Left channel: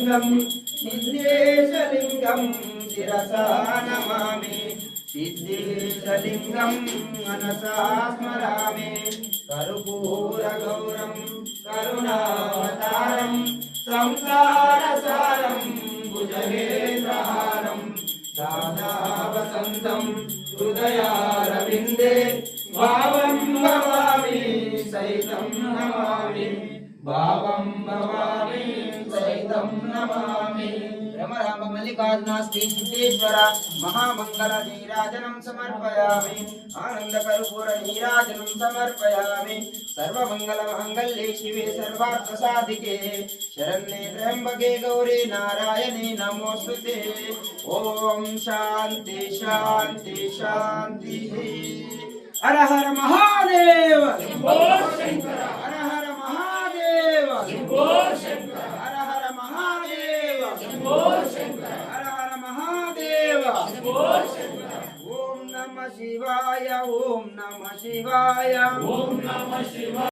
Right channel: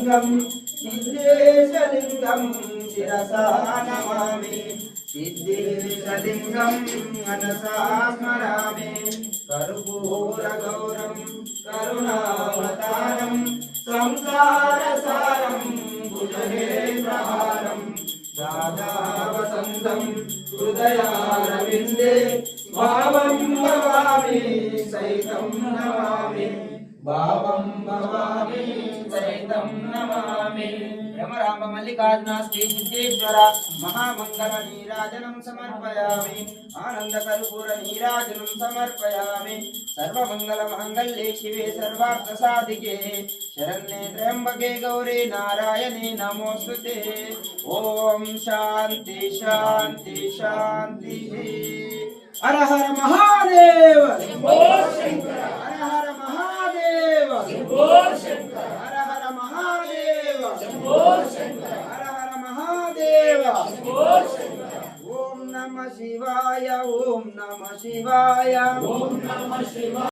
लिंगम निद्रेशलिंगम शिरसा नमामि सिद्धेशलिंगम मनसा स्मरामि कर्पूरगौरं करुणावतारं संसारसारं भुजगेन्द्रहारं राधावसन्तं हृदयारविन्दे भावं भवामि सहितं नमामि भावं भवामि सहितं नमामि ब्रह्मराम मल्लिकार्जुन श्री सिद्धेश्वर महामंगल नीराजनं समर्पयामि आनंद कर्पूर नीराजनं समर्पयामि सर्वमंगल मांगल्ये शिवे सर्वार्थ साधिके शरण्ये त्र्यंबके गौरी नारायणे नमोस्तुते ओम शांति शांति शांति हर हर महादेव हर हर महादेव हर हर महादेव हर हर महादेव ओम नमः शिवाय ओम नमः शिवाय ओम नमः शिवाय।